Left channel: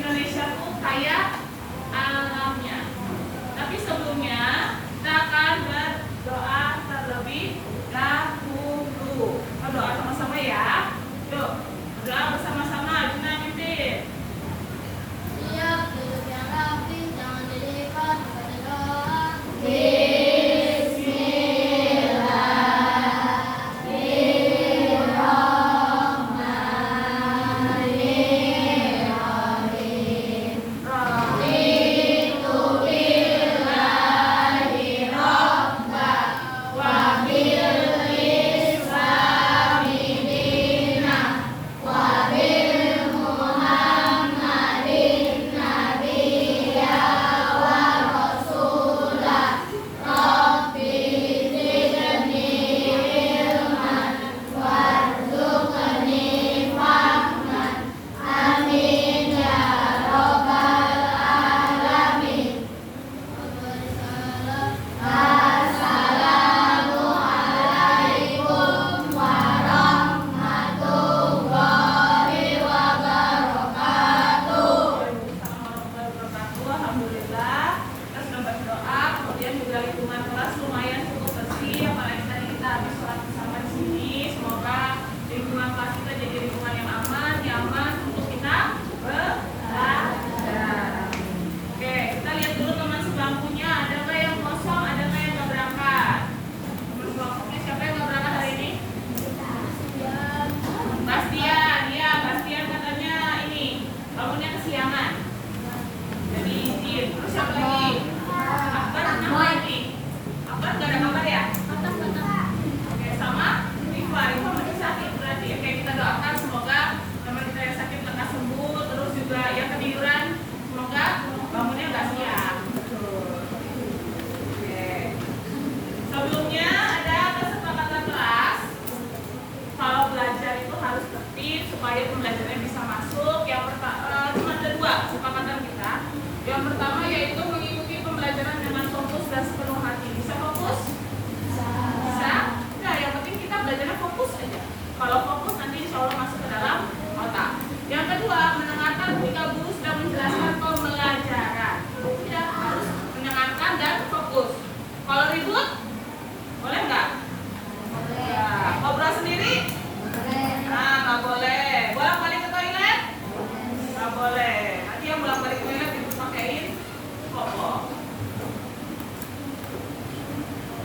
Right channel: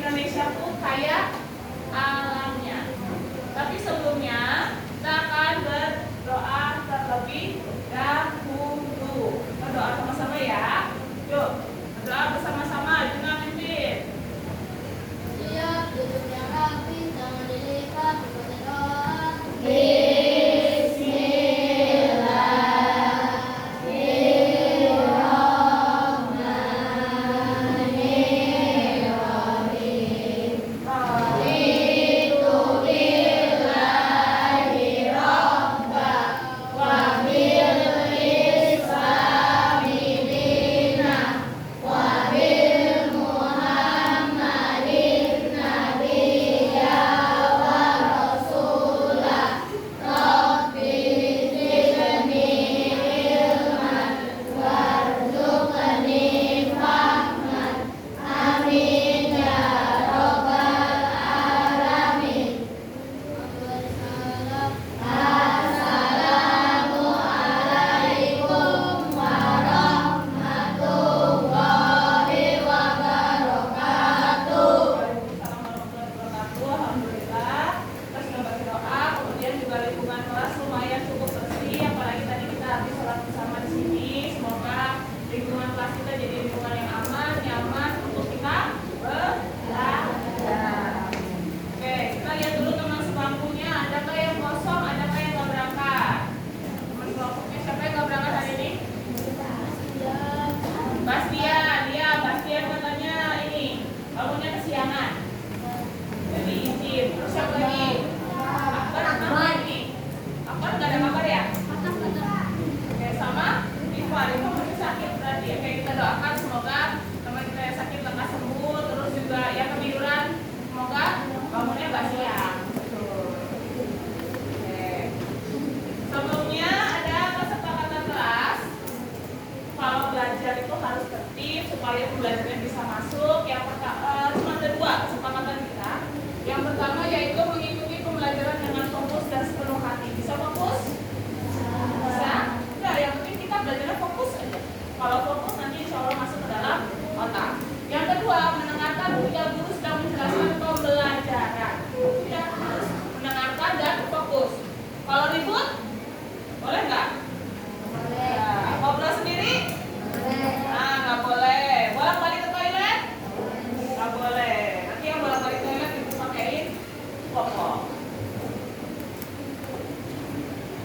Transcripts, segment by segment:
Indonesia tuh kaya alamnya. Tapi sebelumnya kita akan berdoa terlebih dahulu. Kita doa sama-sama ya. Yuk, doa bersama-sama. Juna pimpin. Iya, duduk yang rapi, jangan dilipat, bukan doa. Supaya pembelajarannya bisa masuk. Yang pertama cuma ada dua kesepakatan kita. Yang pertama yaitu mengikuti pembelajaran dengan fokus dan sepenuh hati. Bisa fokus? Bisa? Enggak, yang penting kita belajarnya fokus aja. Kalau fokus nanti insya Allah masuk ke dalam otak. Yang kedua, mendengarkan ketika guru sedang menjelaskan pembelajaran. Tidak harus mendengarkan dan fokus. Kalau ribut, boleh nggak? Boleh. Ya, ngobrol sendiri? Boleh. Nah, nggak boleh. Bolak-balik ke toilet? Nggak boleh. Nanti yang bolak-balik ke toilet itu pakaiin popok.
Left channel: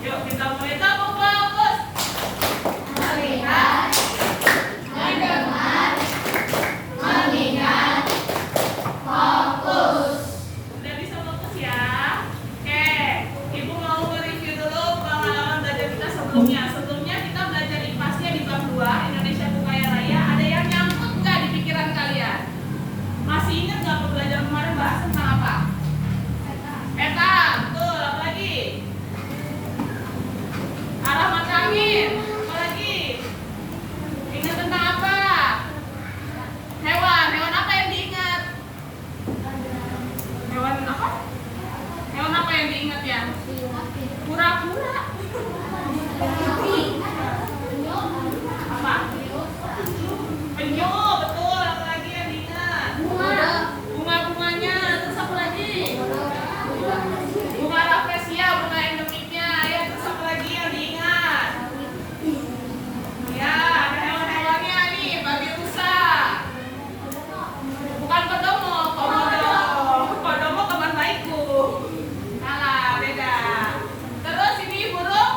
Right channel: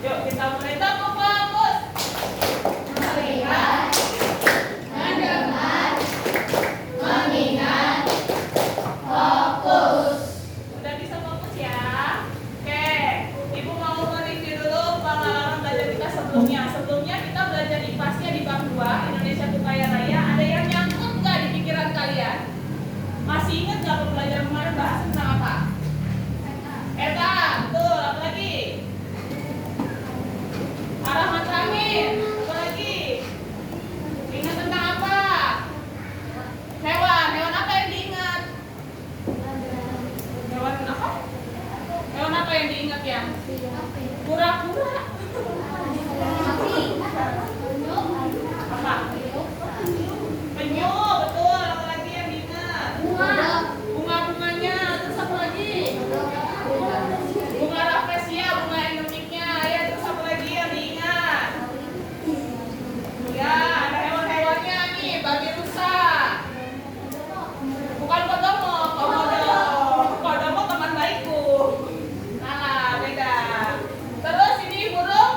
Yuk kita mulai. Fokus. Melihat, mendengar, mengingat, fokus. Udah bisa fokus ya? Oke, Ibu mau mereview dulu pengalaman belajar kita sebelumnya. Sebelumnya kita belajar IPA-nya di bab 2 Indonesia Kaya Raya. Ada yang nyangkut nggak di pikiran kalian? Masih ingat nggak belajar kemarin bahas tentang apa? Peta, betul. Apa lagi? Arah mata angin. Apa lagi? Ingat tentang apa? Hewan. Hewan apa yang diingat? Hewan apa? Hewan apa yang diingat ya? Kura-kura. Apa? Penyu, betul. Apa lagi yang diingat? Bunga-bunganya. Terus apa lagi? Bunga rafflesia, bunga endemiknya. Ya, terus apa lagi yang diingat? Ya, ada hewan-hewannya nih. Babi rusa. Bukan kodomo. Kodomo teman baikku. Salah, beda. Terus ini burung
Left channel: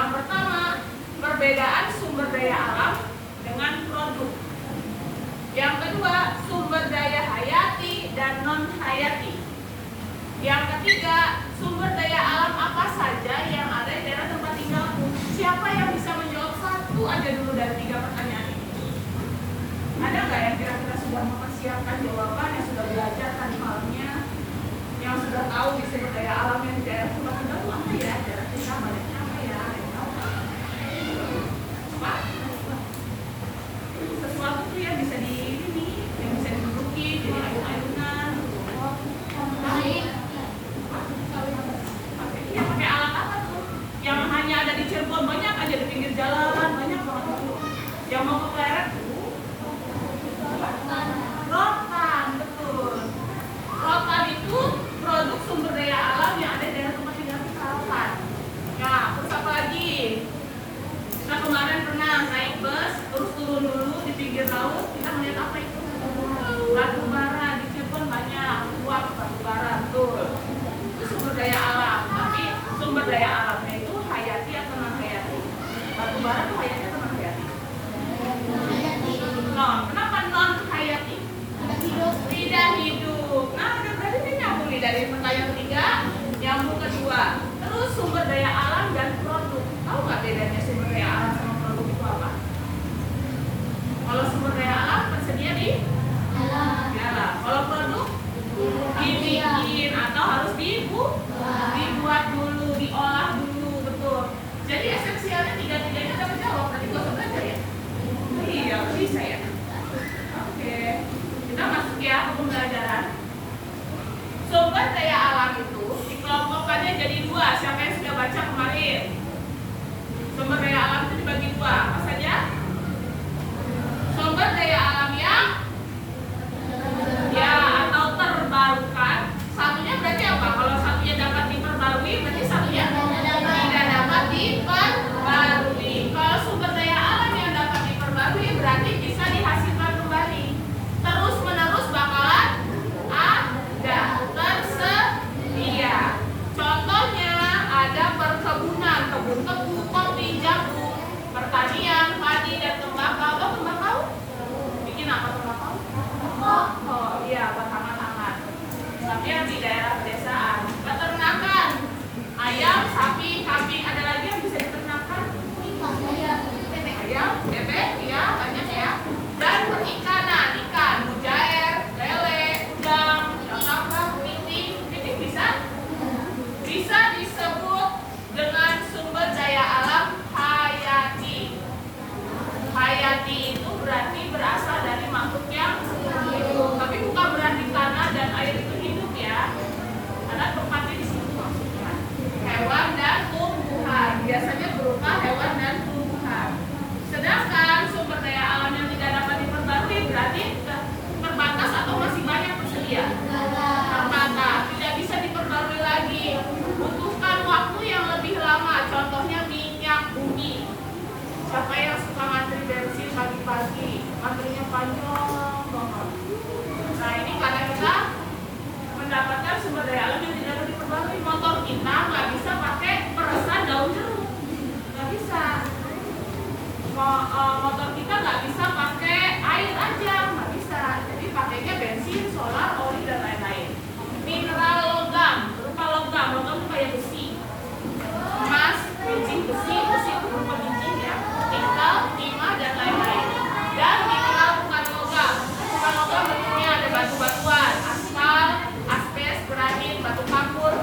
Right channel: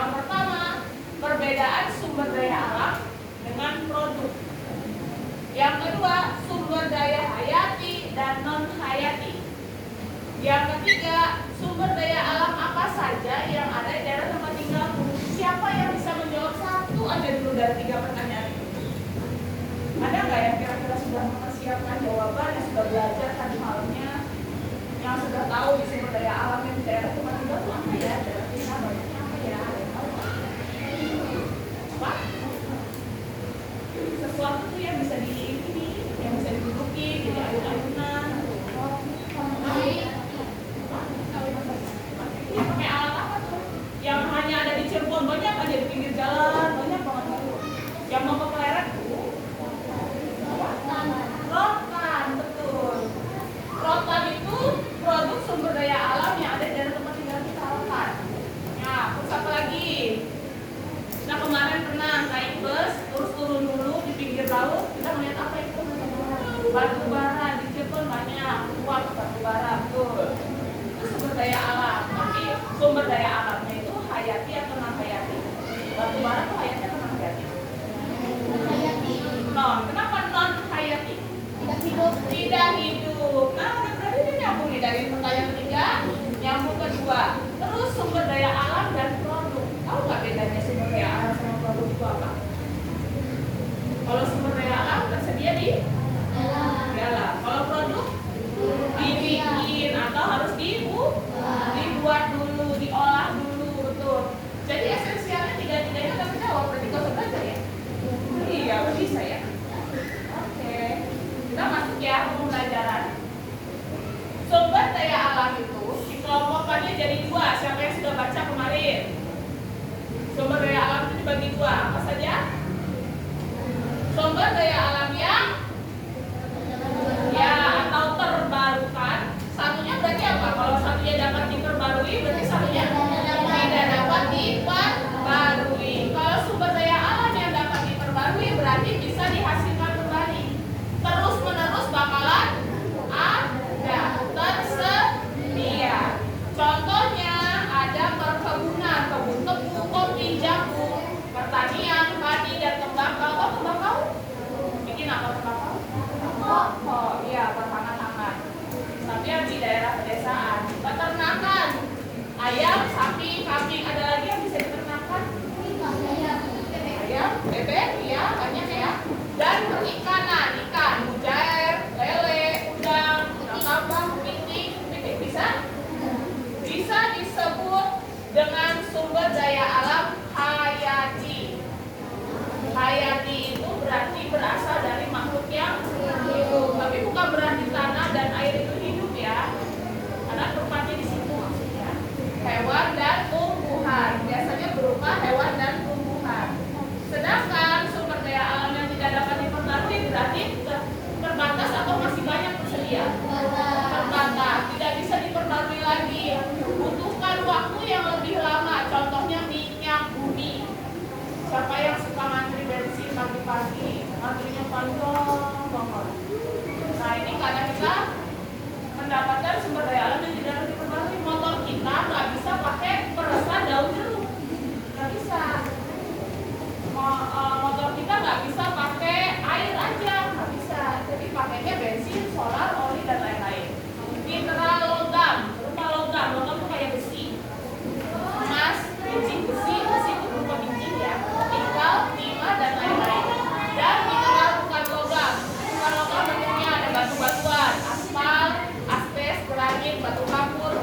Yang pertama, perbedaan sumber daya alam dengan produk. Yang kedua, sumber daya hayati dan non hayati. Yang ketiga, sumber daya alam apa saja yang ada di daerah tempat tinggal. Siapa yang bisa menjawab satu aja dulu dari 3 pertanyaan ini? Ada nggak yang kira-kira sudah mempersiapkan jawaban, yang sudah belajar tadi malamnya, yang sudah tahu di sumber daya alam yang di daerah tempat tinggal itu apa ya? Daerah kita banyaknya apa ya? Ada yang tahu nggak? Apa? Sesuatu tuh yang bisa yang bisa diduduki, jadi ayun-ayunan. Ya pakai alat apa tuh? Yang hanya ada di Cirebon, banyak aja di pinggir jalan, banyak banget. Yang mau ke Pleret tuh rotan, betul. Rotan itu produk sumber daya alam yang ada di daerah tempat tinggal kita. Rotan. Nah, terus apa lagi? Nah, kemarin pernah naik bus, terus turun dulu di pinggir laut, kita melihat apa itu? Batu bara, di Cirebon banyak, uap batu bara, betul. Itu sumber daya alam, tapi sumber daya alamnya itu hayati atau non hayati? Batu bara itu hayati atau non hayati? Non. Kenapa non hayati? Tidak hidup. Nah, berarti ini nyambung nih dari pertanyaan ketiga, nyambung kedua. Terus sumber daya alam dan produk. Tahu nggak bedanya sumber daya alam sama produk itu apa? Kalau sumber daya alam tersedia di dalam. Kalau produk dibikin atau harus dibuat dulu, diolah dulu, betul. Jadi esensialnya tiga-tiganya terjawab. Berarti nggak usah belajar ya? Iya, bisa ya. Oke, kita masuk ya ke pembelajaran. Sumber daya alam itu dikelompokkannya jadi 2. Siapa yang sudah baca kemarin? Sumber daya alam itu dibagi 2. Apa saja? Sumber daya alam yang ya atau terbarukan. Satunya berarti apa? Kalau satunya dapat diperbarui, berarti satunya tidak dapat diperbarui. Kalau sumber daya alam yang dapat diperbarui berarti bisa dihasilkan kembali. Terus menerus bakalan ada, tersedia. Contohnya ada perkebunan, kebun tebu, kopi, jagung, pertanian, padi dan tembakau. Oh, tembakau? Bikin apa tembakau? Oh, iya, berhangat-hangat. Tapi yang di daerah pedesaan. Peternakan, ayam, sapi, kambing. Ada lagi yang bisa diternakan? Ayam, bebek, ya banyak ya. Dan perikanan, ikan, mujair, lele, udang, taprak, pitik bisa disebut dengan sumber daya alam hayati. Hayati itu berarti berasal dari makhluk yang hidup, tapi bukan berarti tanah dan air itu hidup ya. Karena tempatnya di situ maksudnya. Hewan dan tumbuhan, biasanya berupa hewan dan tumbuhan. Sedangkan sumber daya alam yang tidak dapat diperbarui berarti terbatas atau masih banyak tersedia? Terbatas, tidak bisa diperbarui lagi. Butuhkan waktu yang lebih lama. Contohnya minyak bumi. Siapa yang suka ngantri bensin pagi-pagi? Antrinya panjang banget. Nah, ini karena kita mendapatkan sumber daya alam yang tidak dapat diperbarui. Motor kita nggak bisa pakai peresan daun jeruk, nggak bisa. Motor kita nggak bisa pakai air aja, nggak bisa. Jadi pakainya bensin, solar, oli dan lain-lain. Mineral logam, berupa logam itu kayak besi, emas, bincing besi itu berupa bincing ya, nikel, timah dan lain-lain. Dan mineral bukan logam bentuknya ada batu-batuan, aspal, asbes, granit, batu kapur,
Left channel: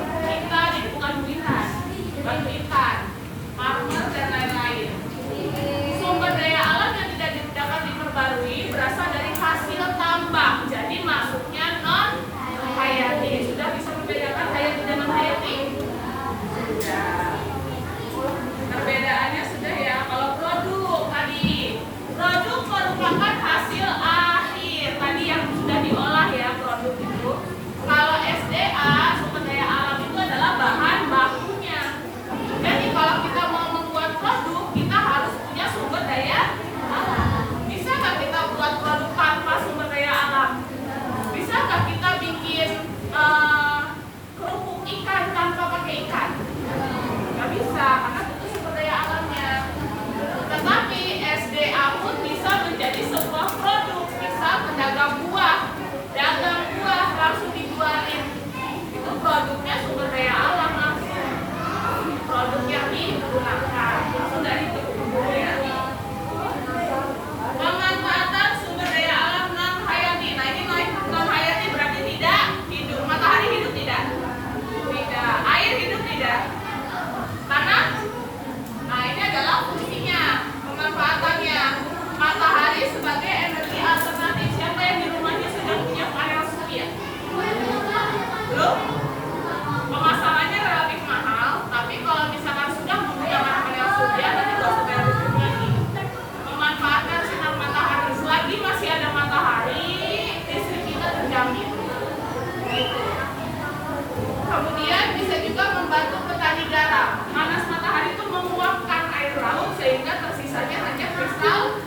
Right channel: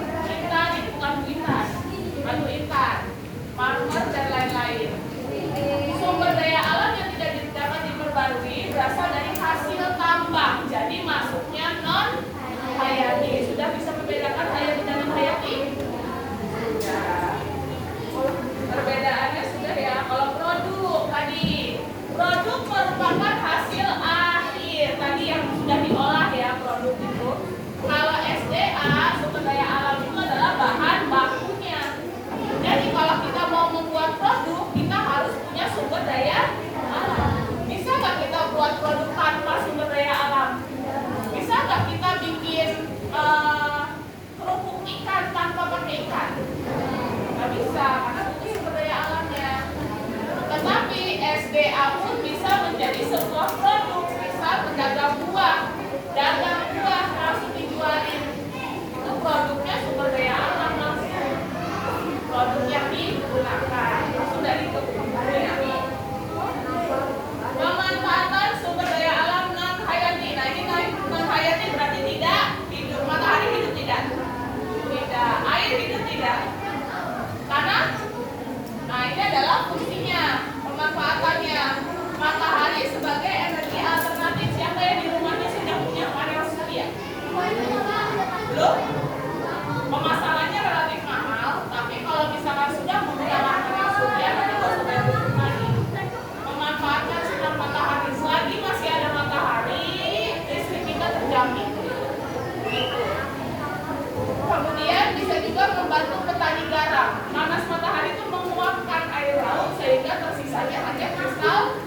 Kemudian bisa juga membantu petani garam. Panas matahari itu menguapkan air laut sehingga tersisanya hanya kristal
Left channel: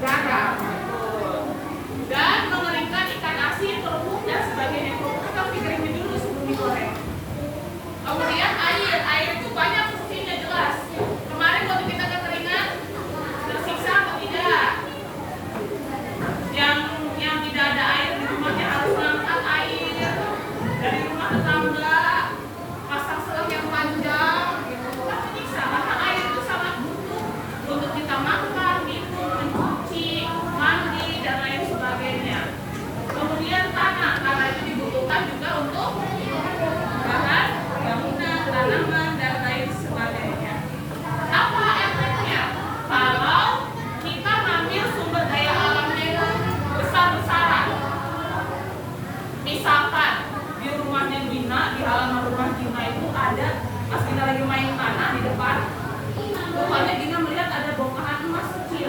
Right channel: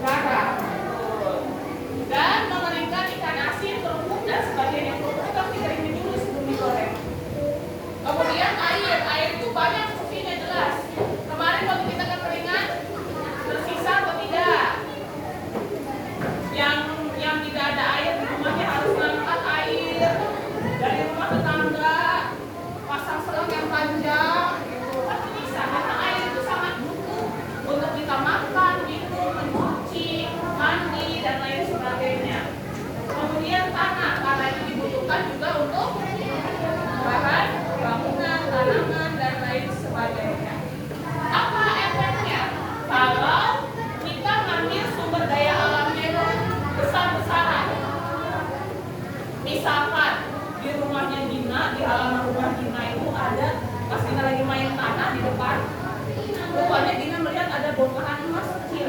garam. Dan mengeringkan ikan asin, kerupuk dan sebagainya. Kerupuk kita dikeringin dulu sebelum digoreng. Kemudian air itu banyak fungsinya jelas. Kemarin waktu kita kekeringan tersisa atau tidak? Yang tidak ada air di rumahnya harus mengangkat air dari rumah tetangga, pasang selang yang panjang gitu. Kan bisa, karena air itu sangat butuh untuk kita makan, minum, mencuci, mandi dan lain sebagainya. Kemudian tanah, karena itu dibutuhkan juga untuk bahan bangunan, tanaman dan lain sebagainya. Apa efeknya? Kalau kita ngambil sumber daya alamnya itu besar-besaran, misalkan di rumahnya Gina, di halaman rumah Gina itu ada, pas Gina lagi main tanah di depan rumahnya, Gina melihat ada bongkahan emas kecil.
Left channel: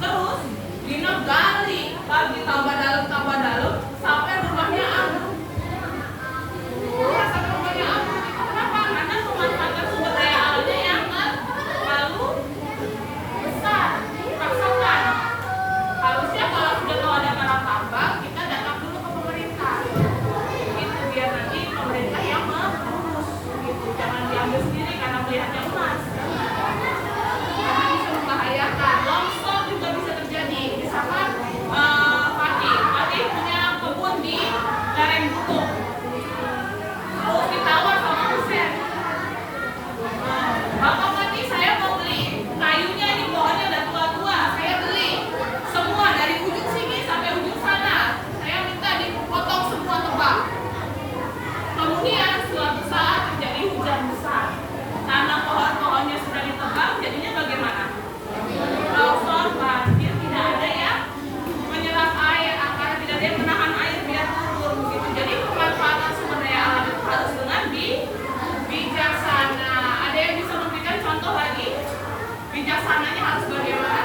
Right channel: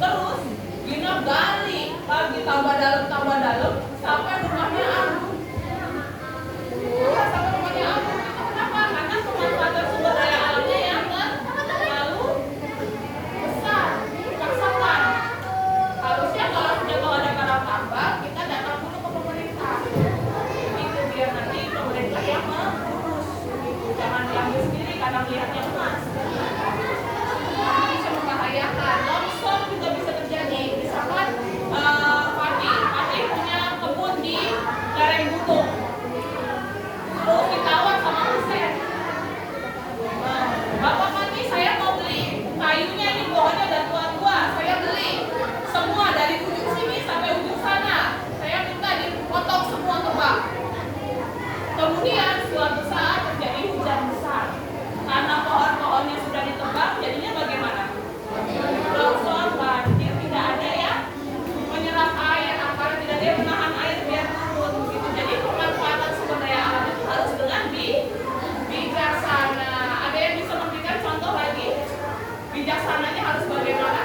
Terus Gina gali lagi tambah dalam sampai rumahnya ambruk. Sampai rumahnya ambruk. Kenapa? Karena pemanfaatan sumber daya alamnya yang terlalu besar, dipaksakan. Harusnya kalau sudah tahu ada garam tambang, kita datang dulu ke pemerintah. Itu biar nanti pemerintah yang mengurus. Gitu. Jangan diambil sendiri karena melihatnya emas. Karena bisa membahayakan. Longsor juga bisa terjadi. Misalkan Pati punya kebun di lereng gunung. Terus ditawar sama dosen. Bapak Pati, saya mau beli kayunya, di pohonnya udah tua-tua, saya beli semua dari ujung sini sampai ujung sana. Saya minta dipotong semua tebang. Kemudian suatu saat terjadi hujan besar. Karena pohon-pohonnya sudah ditebang, jadinya bagaimana? Longsor, banjir, tidak ada yang menyerap air, karena tidak ada yang menahan air biar turun. Gitu. Jadi pemanfaatan sumber daya alam itu harus dengan bijaksana. Ada yang bisa memberikan contoh lagi? Bijaksananya harus bagaimana?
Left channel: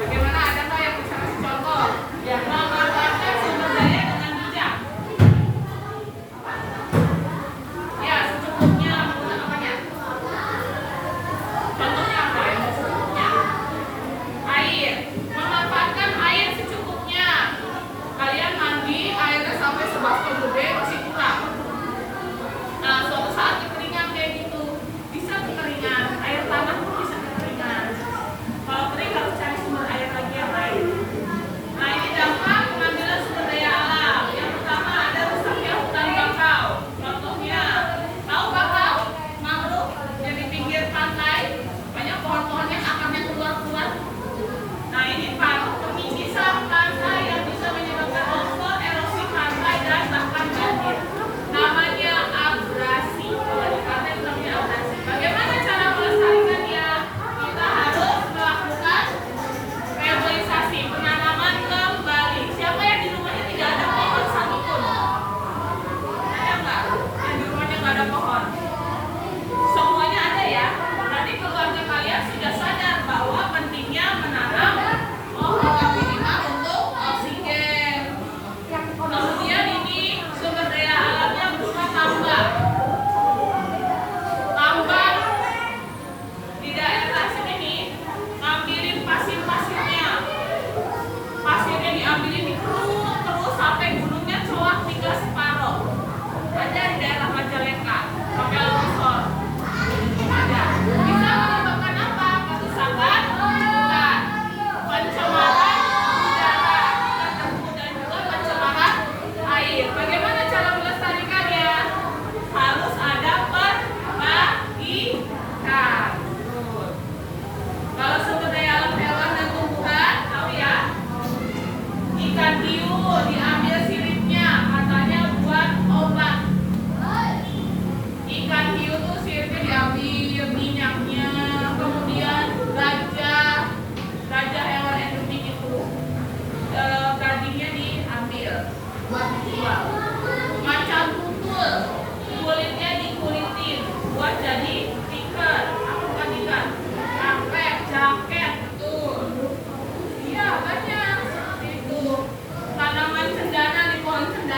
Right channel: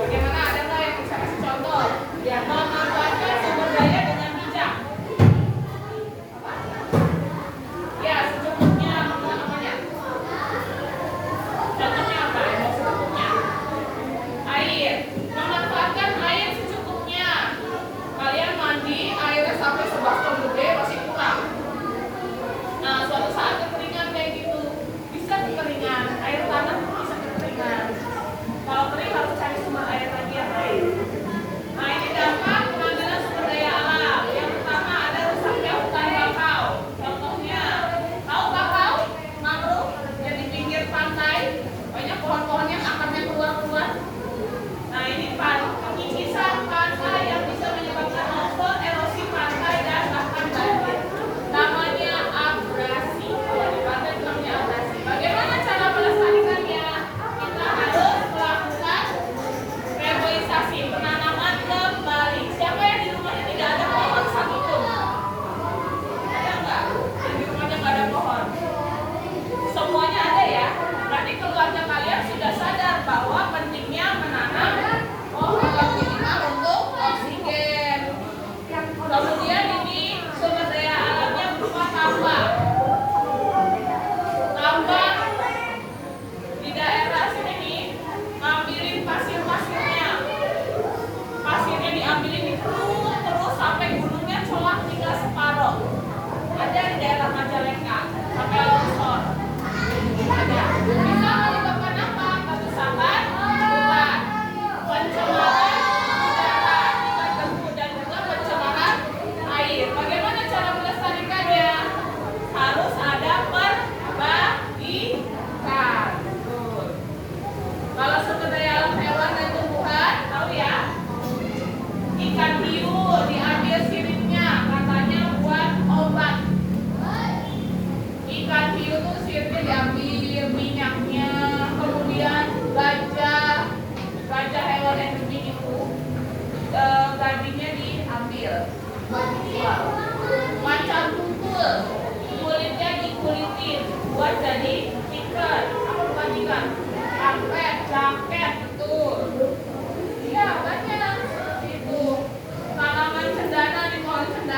Bagaimana, ada nggak yang bisa kasih contoh? Ya, memanfaatkan sumber daya dengan bijak. Ya, secukupnya menggunakan apanya? Contohnya apa ya? Secukupnya. Air. Memanfaatkan air secukupnya. Kalian mandi, airnya sampai sebaskom gede masih kurang. Nah, suatu saat kekeringan kayak gitu. Bisa kekeringan, air tanah pun bisa kekeringan. Kalau kering harus cari sumber air lagi yang lain. Nah, ini dampak pengambilan sumber daya alam. Yang pertama ada rusaknya hutan bakau. Contohnya, tahu bakau? Mangrove yang di pinggir pantai, banyak pohon-pohonnya akarnya keluar-keluar. Nah, ini pengikisan pantai yang bisa menyebabkan longsor, erosi pantai dan bahkan banjir. Namanya abrasi. Kalau di pantai itu namanya abrasi. Bagaimana cara melestarikannya? Kita harus melakukan reboisasi, penanaman kembali. Siapa yang di rumahnya tidak ada pohon satupun? Ada nggak? Yang di rumahnya nggak ada pohon? Semuanya ada ya. Nanti keluarga kalian sudah sadar bahwa pentingnya menanam pohon minimal untuk oksigen. Kemudian ini sumber daya alamnya berupa tambang. Tambang di daerah sini nih, ngambilin pasir-pasirnya. Pasirnya diambilin, dikeruk terus sampai gunungnya coak tinggal separoh. Ada di daerah Majalengka sampai longsor. Ada. Bisa menyebabkan apa? Kerusakan hutan, pencemaran udara, dan juga pencemaran air. Bagaimana cara melestarikannya? Harus ada perbaikan. Kalau sumber daya alam hewan dan tumbuhan, tahu ya? Ikan hiu diambil siripnya, katanya buat obat. Ikan hiu tuh siripnya diambil, minyaknya. Kemudian gajah hewan endemik itu, dagingnya diambil buat dijual. Macan tutul, kulitnya dikulitin buat jadi tikar. Apa bukan tikar? Karpet, jaket, betul. Iya, banyak seperti itu. Tanaman cendana di pohon cendana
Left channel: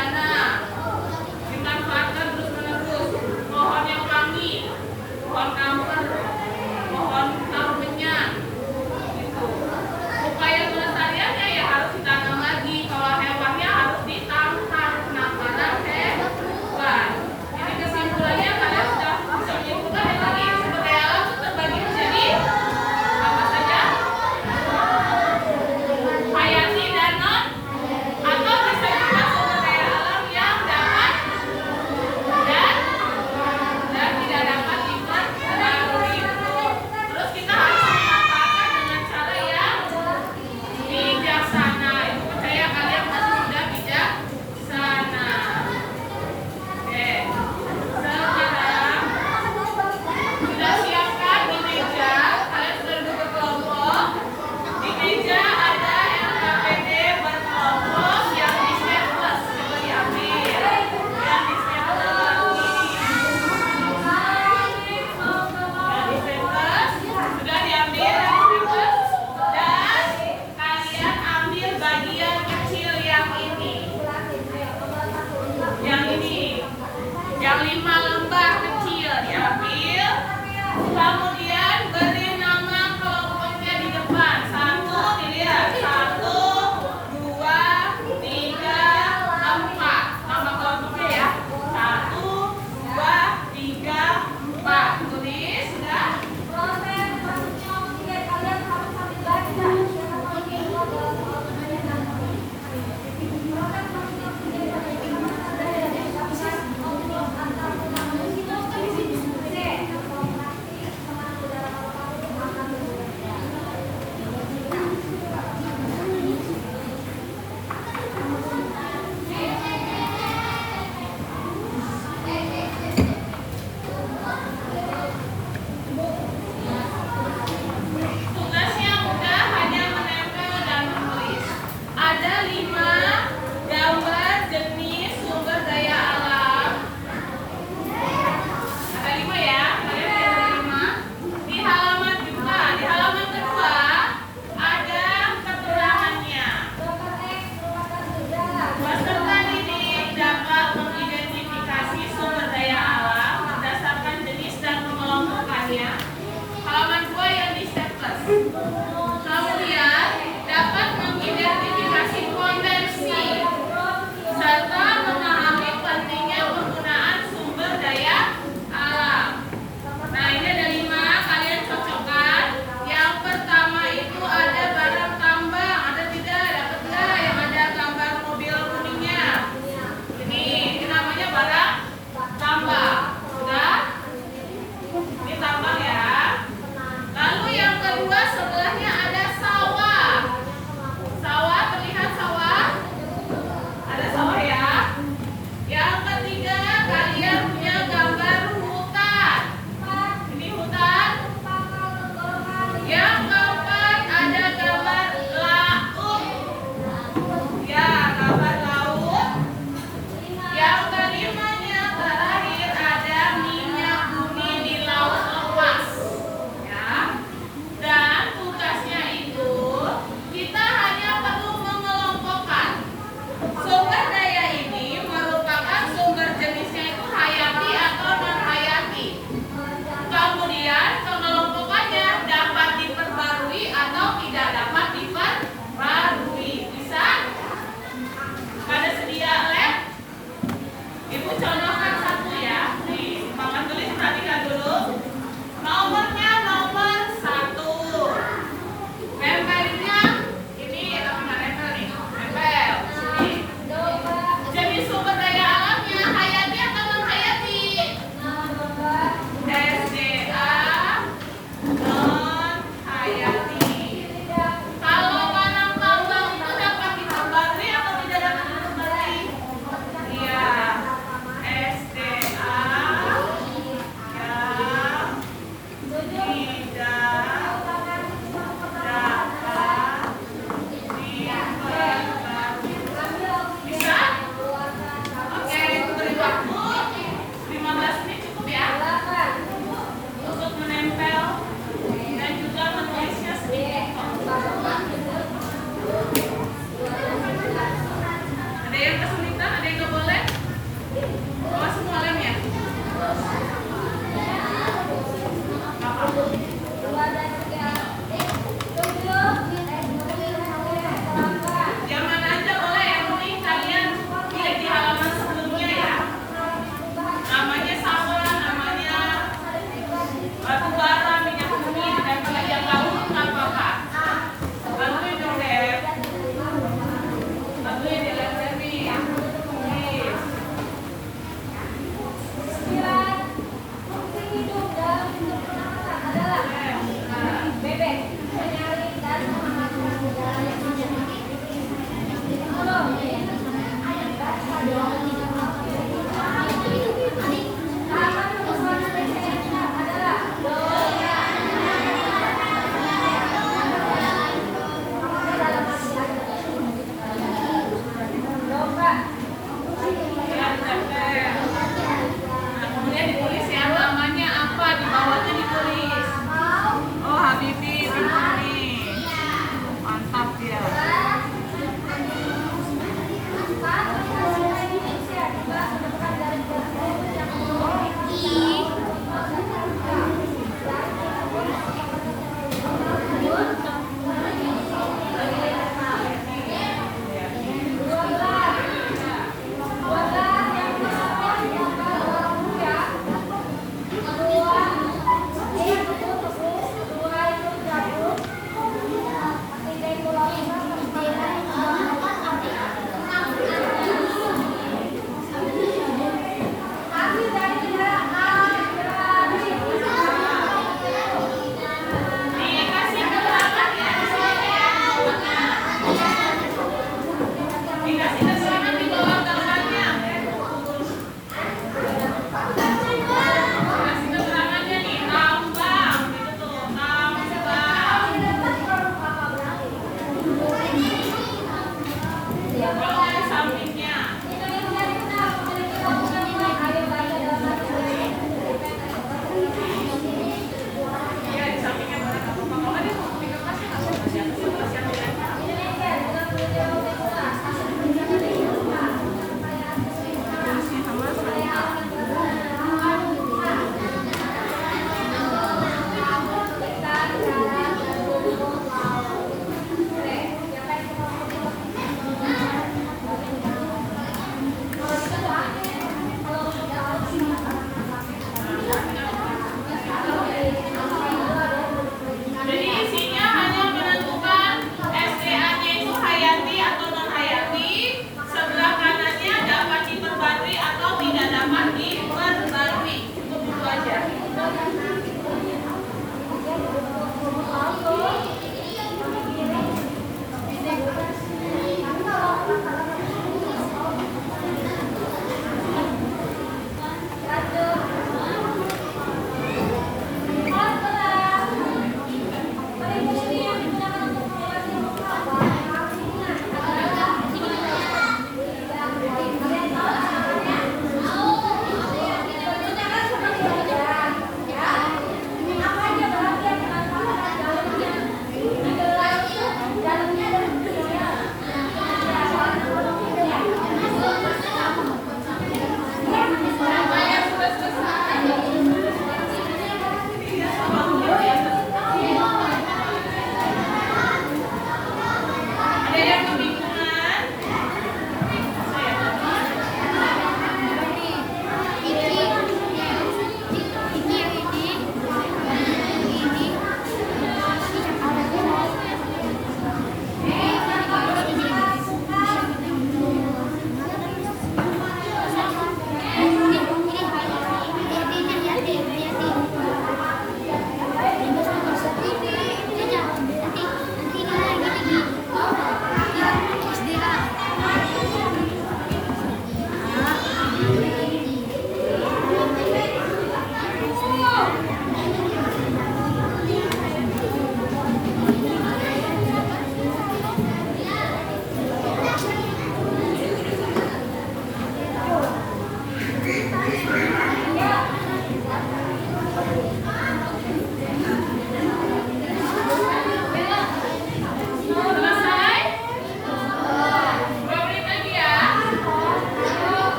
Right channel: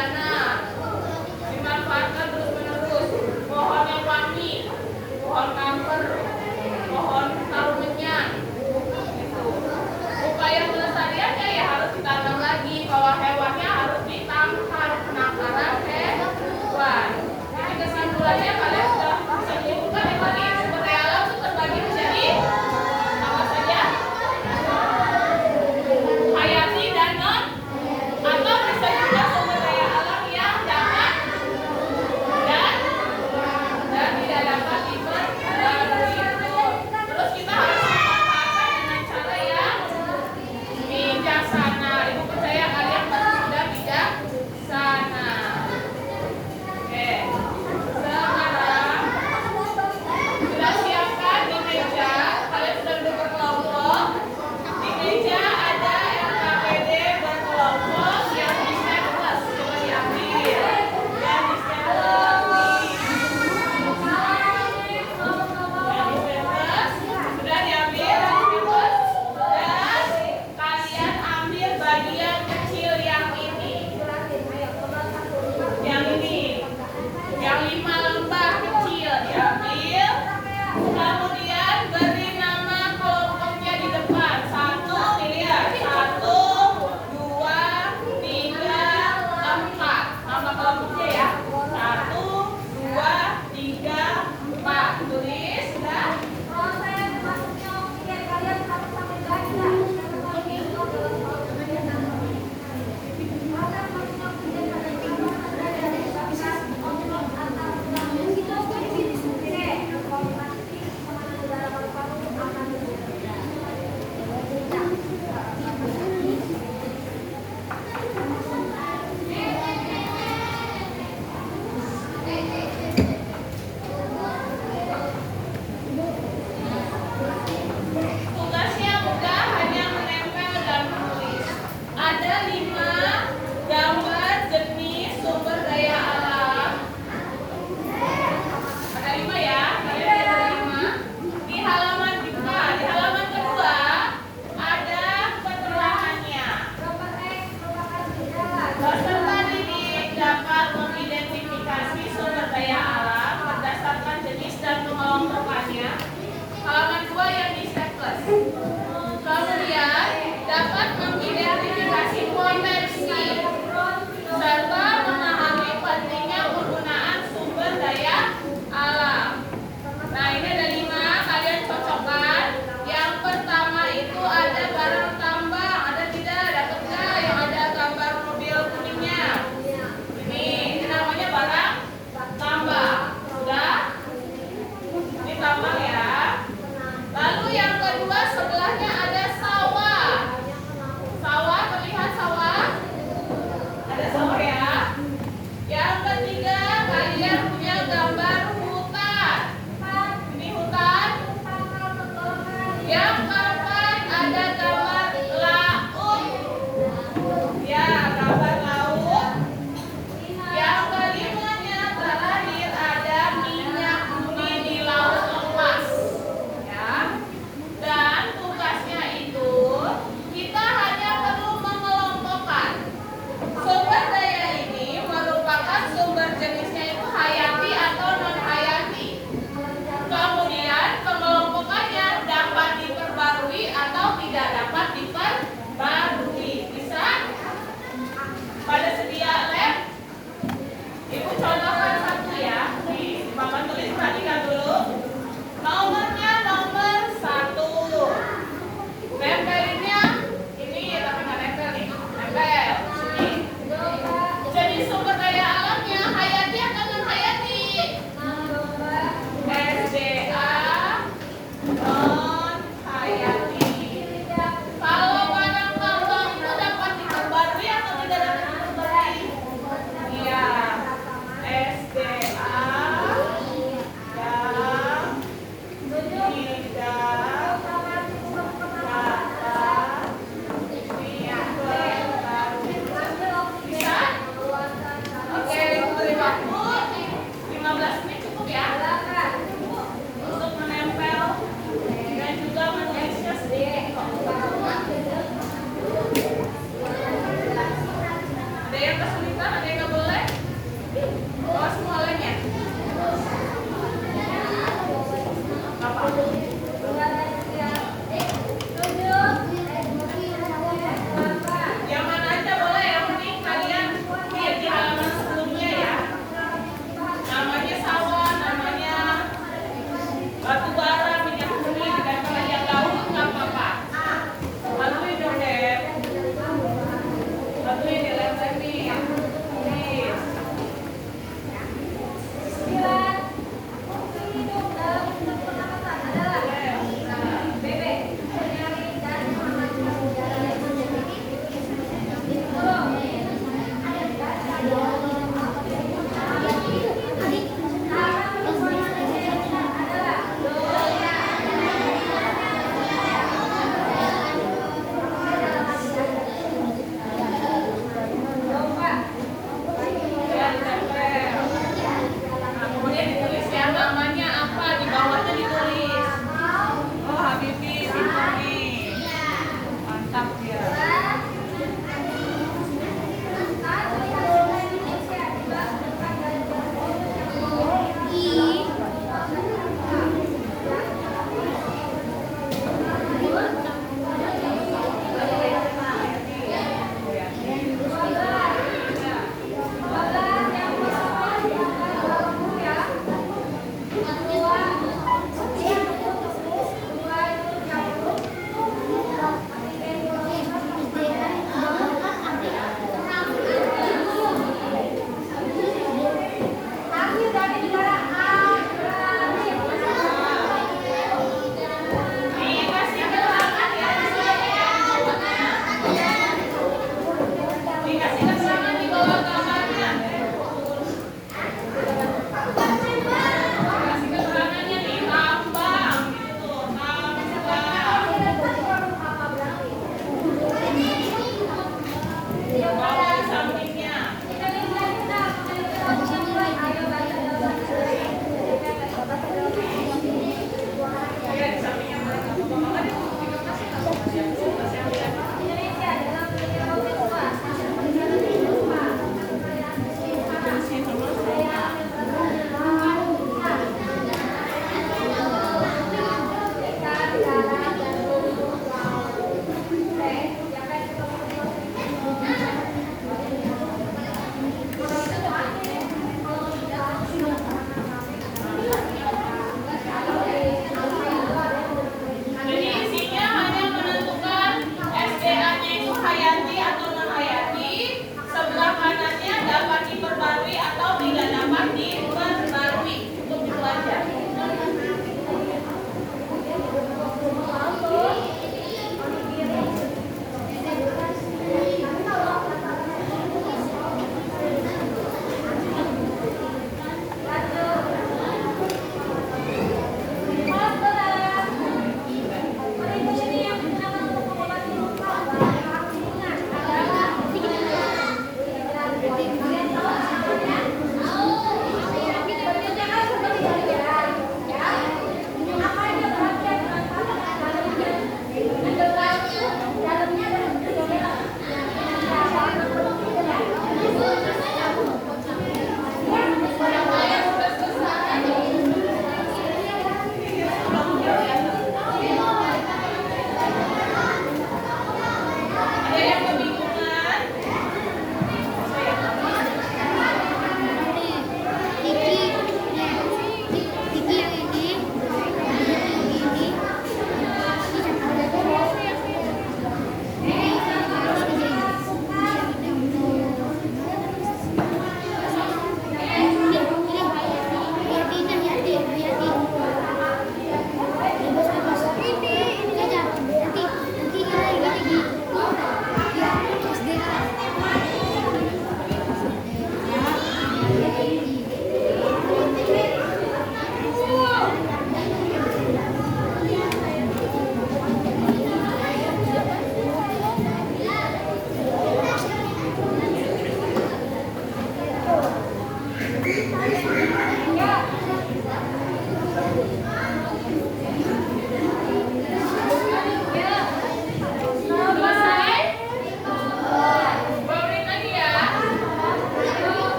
Ada sawah ya. Yang ketiga, kalian punya gambar hutan. Ini hutan. Yang keempat, ada gambar laut. Ya, gambar laut. Yang kelimanya terakhir ada minyak bumi di laut lepas. Ya. Dan tugasnya itu kita hanya perlu mengelompokkan. Sumber daya ini merupakan sumber jenisnya itu hayati atau non hayati. Kemudian pengelompokannya dapat diperbarui atau tidak dapat diperbarui. Bisa? Pada sedia lab? Ibu contohkan satu ya. Nih, Paman tulis perhatikan dulu. Nomornya nomor 1. Nempelinnya ini tapi nggak nempel nih. Nempel. Sini. Jenis sumber daya alamnya hayati atau non hayati? SDA non hayati. Kalau barang tambang itu dapat diperbarui atau tidak dapat diperbarui? Iya. SDA yang tidak dapat diperbarui. Bisa? Oke, beri waktu 15 menit cukup ya untuk menempel dan juga menulisnya sedikit. Ada yang kesulitan, ada yang nggak boleh? Oh, semua lem ya? Apa? Yang mana aja boleh, yang penting kalian lihat di halaman sebelumnya ya. Namanya sawah, namanya batu bara, minyak bumi, dan kalian laut nggak apa-apa. Bantuin dong Dep. Bantuin ya Dep Devi. Please. Fungsi hidup dalam hidup pernapasan adalah bebek, mencari dan memajukan udara yang menjadi belum ada bahasa dalam Ya, ditempel. Nah, kemudian ditulis ya namanya apa, di bawahnya ditulis. Oh, Habibi, pintar nih. Mantap ya.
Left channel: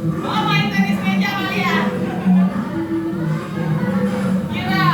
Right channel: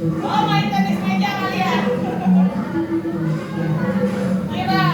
Oh, main tenis meja kali ya? Kira.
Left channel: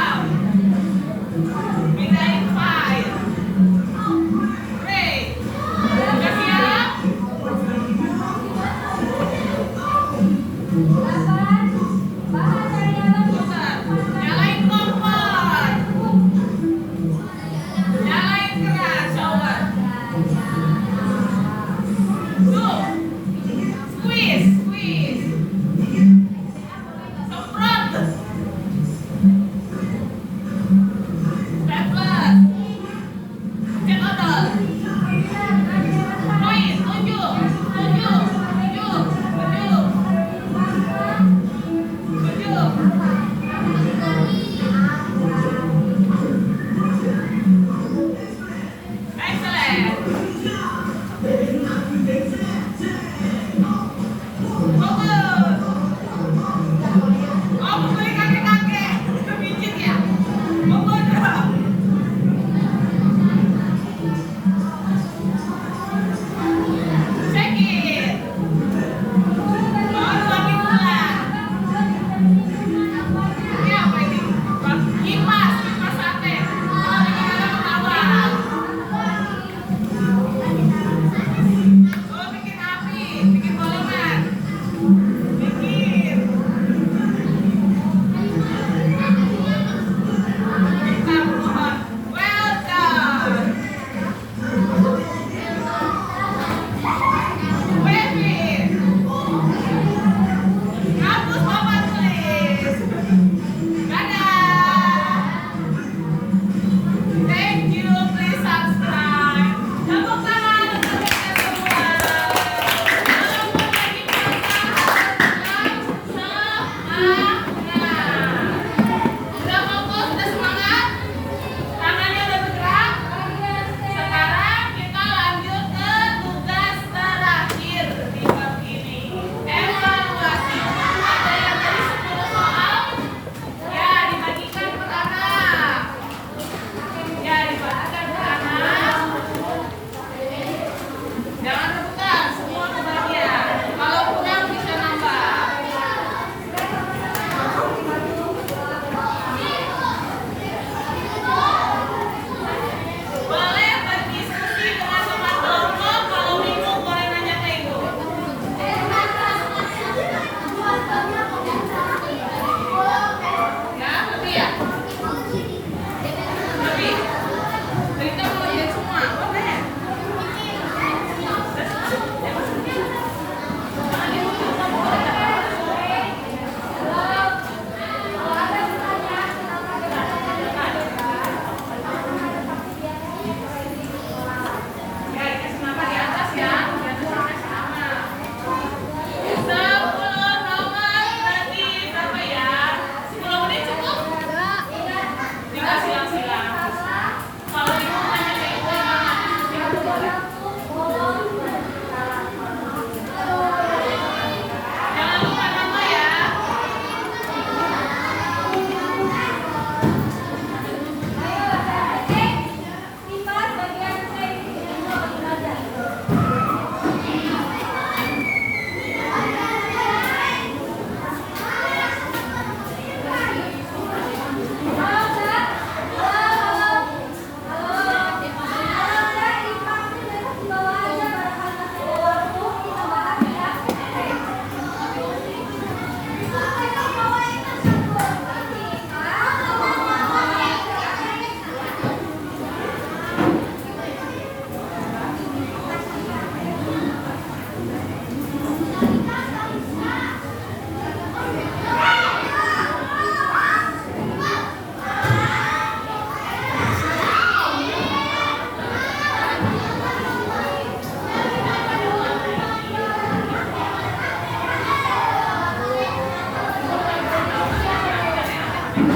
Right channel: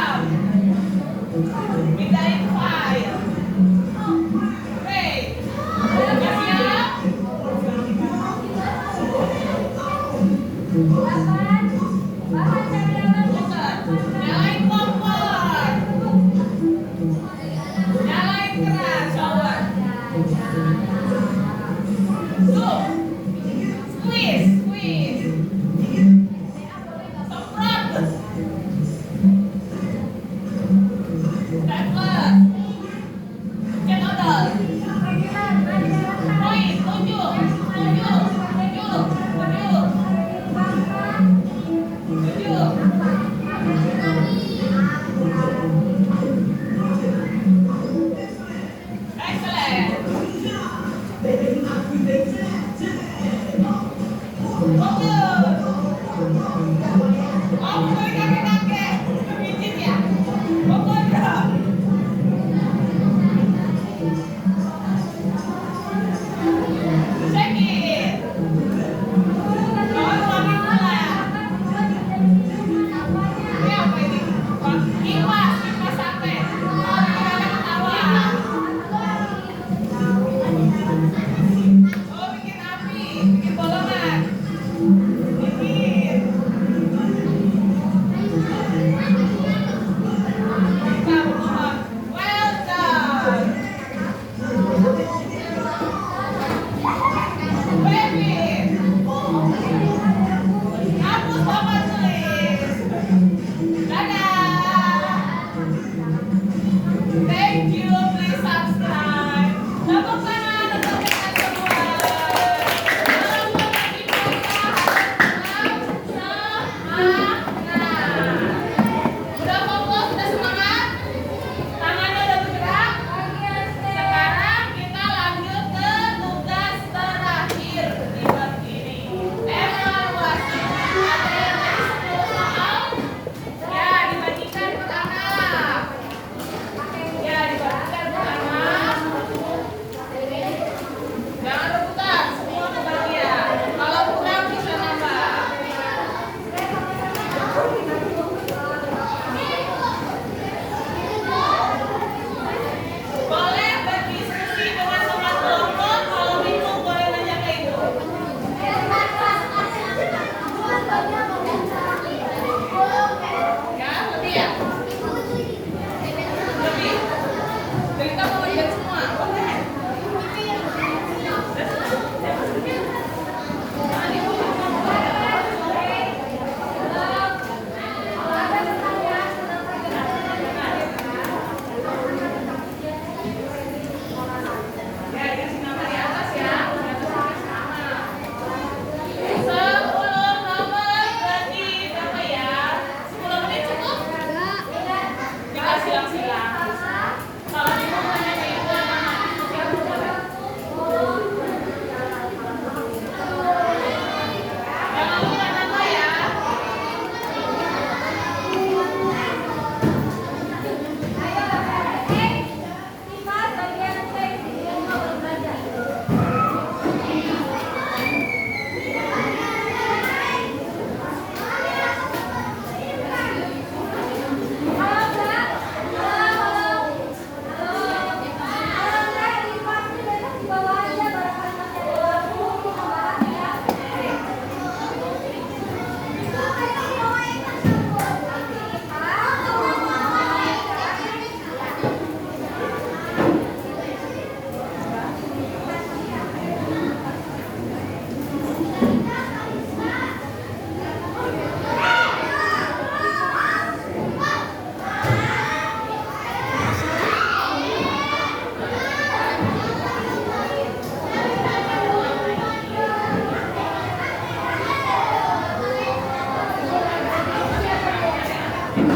Belum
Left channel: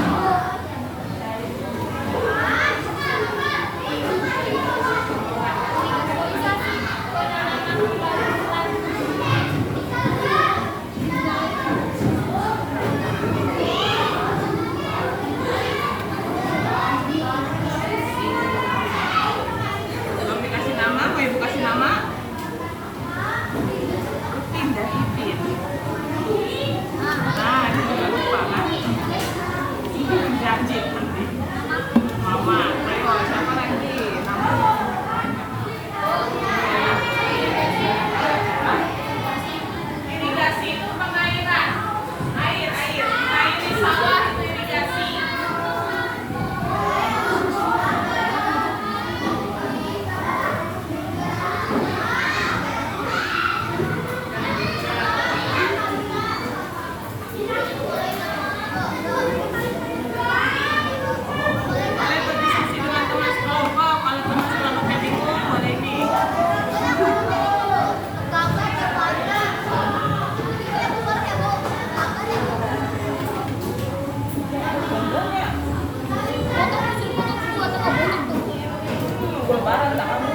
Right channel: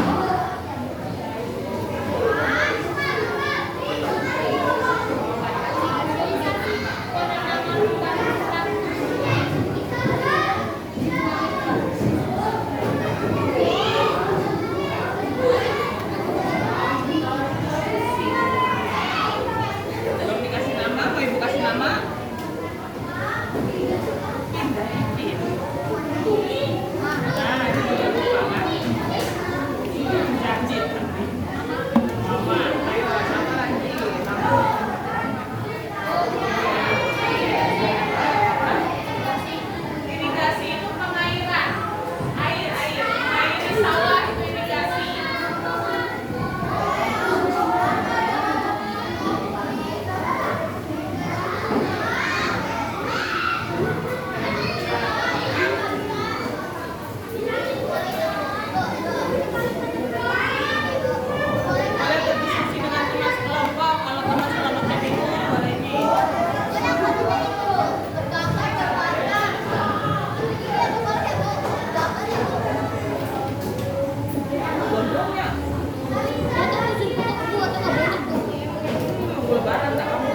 dikasih nama, mau ibu kasih nama? Indah Hidin. Nah, itu juga lupa kan? Janji penting. Mama, ayo siapa lagi? Nama. Irigasi itu pengairan. Air. Air di sawah itu irigasi. Boleh berdiskusi dengan teman sekelompok. Kalau teman sekelompoknya bingung, boleh nih. Lebaran tak kamu.